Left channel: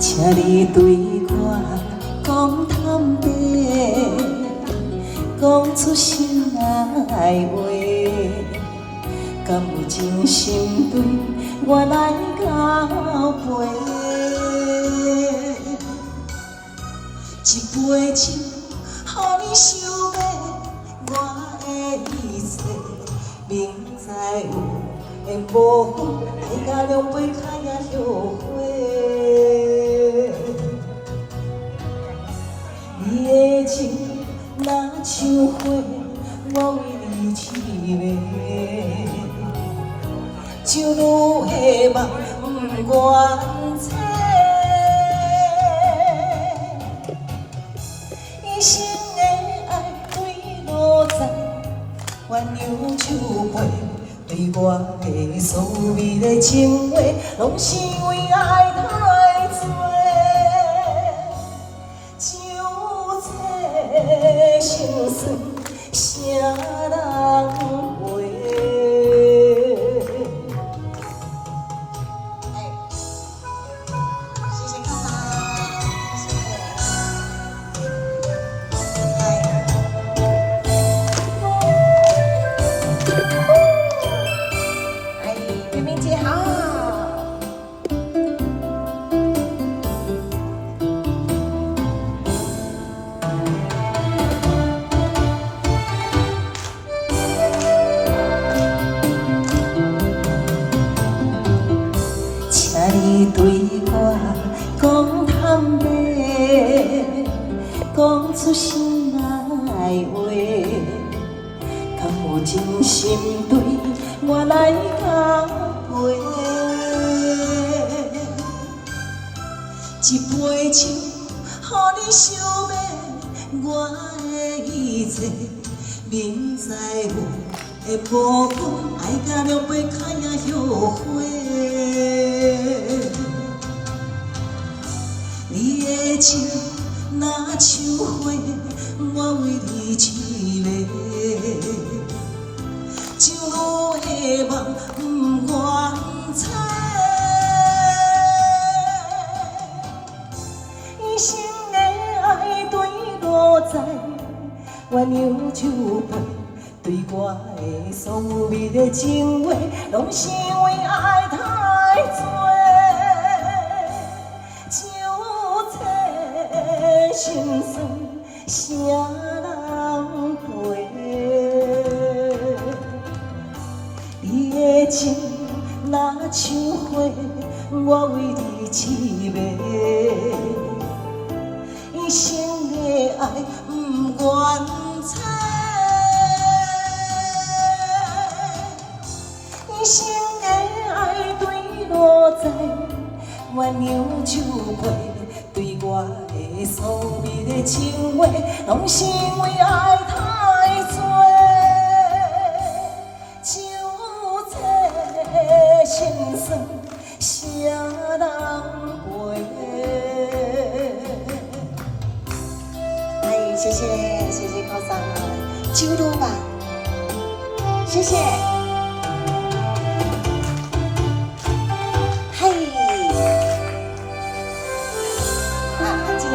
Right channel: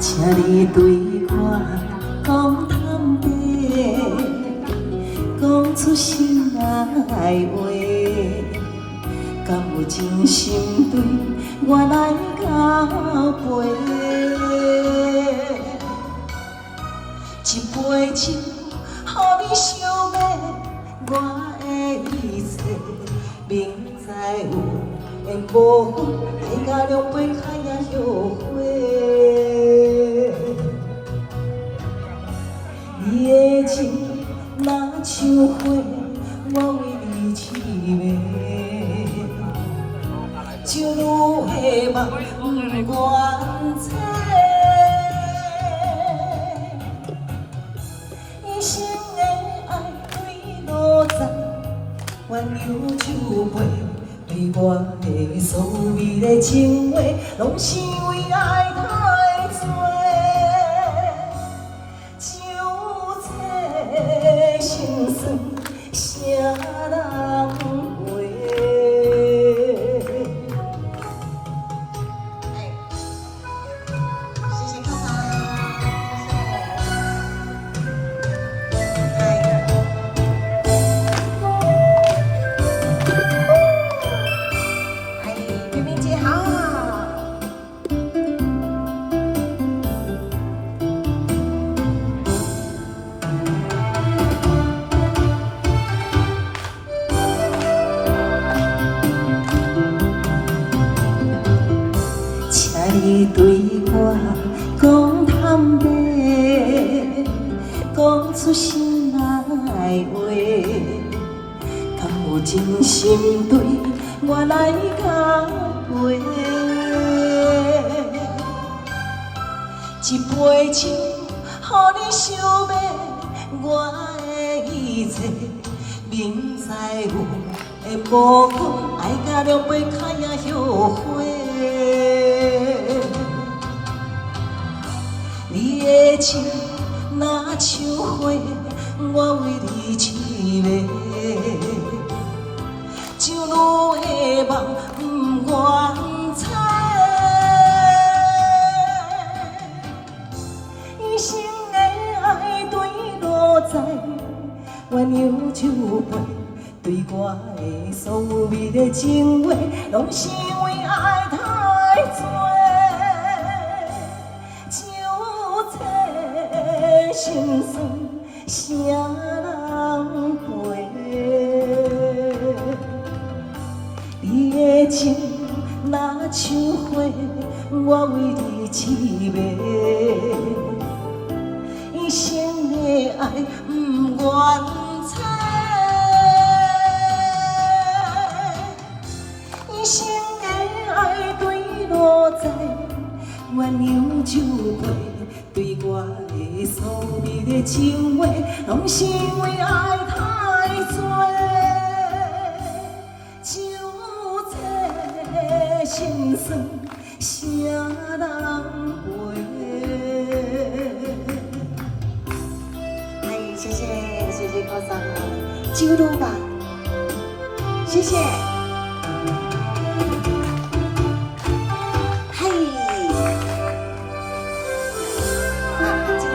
请你对我讲坦白，讲出心内话，敢有真心对我来交陪？一杯酒，予你想要我的一切，明知有缘无分，大家两杯开也后悔。你的情若像花，我为你痴迷，就愈希望不愿猜。一生的爱对路在，鸳鸯酒杯，对我的所有的情话，拢是为爱太多。心酸，谁人陪？谢谢哥哥，谢谢。哎，明明姐好。你对我讲坦白，讲出心内话，敢有真心对我来交陪？一杯酒，予你想要我的一切，明知有的无分，爱甲两杯开也后悔。你的情若像花，我为你痴迷，就愈希望不愿猜。一生的爱对路在，鸳鸯酒杯，对我的所有的情话，拢是为爱太多。心酸，谁人陪？你的情若像花，我为你痴迷，一生的爱不愿猜，一生的爱对路在，鸳鸯酒杯。对我的所有的情话，拢是为爱太多，就这心酸，谁人陪？哎，谢谢高桑，酒路吧，谢谢。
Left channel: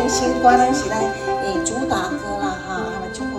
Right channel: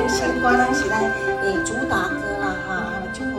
新歌咱是咱主打歌啦哈。